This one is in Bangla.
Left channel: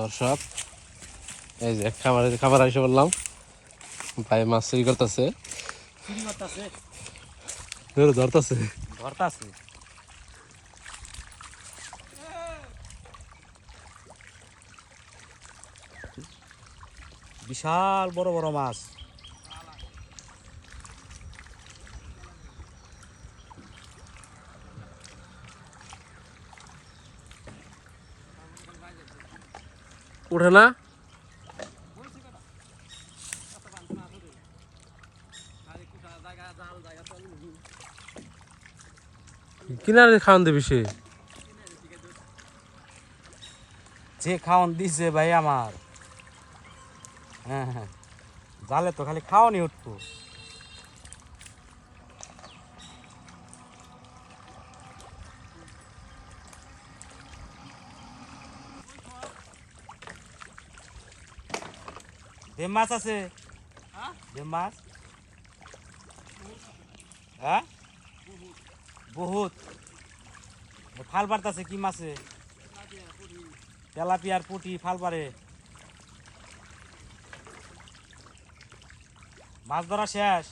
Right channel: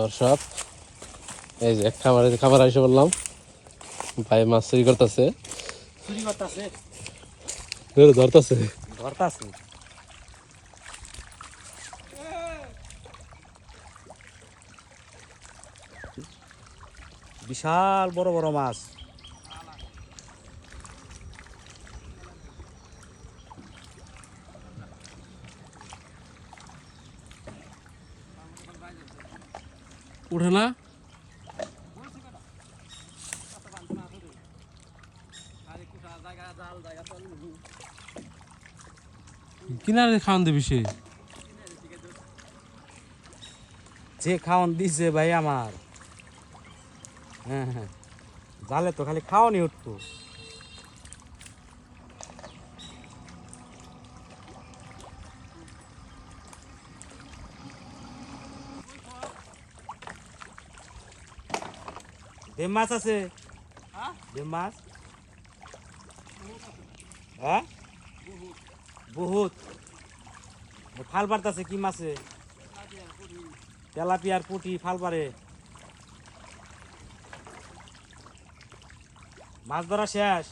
দর্শক এই যে খাবার এসে বললাম ভাই মাছ চুরি করতেছে ধরতেছে বিশাল বড় বড় মাছ। উঠে না কিনারে খাওয়ান দেবে সে যে খাওয়ান দিছে ভাই আমার, হ্যাঁ হ্যাঁ, জালে তো খালি খাওয়ানি উঠতো। বেম মাছ আছে, বেম মাছ হ্যাঁ বহুত। ফাল পারতাছে কি মাছে? তেলাপিয়ার পুঁটি ফাল পারে। মাছ ধরা শেষ।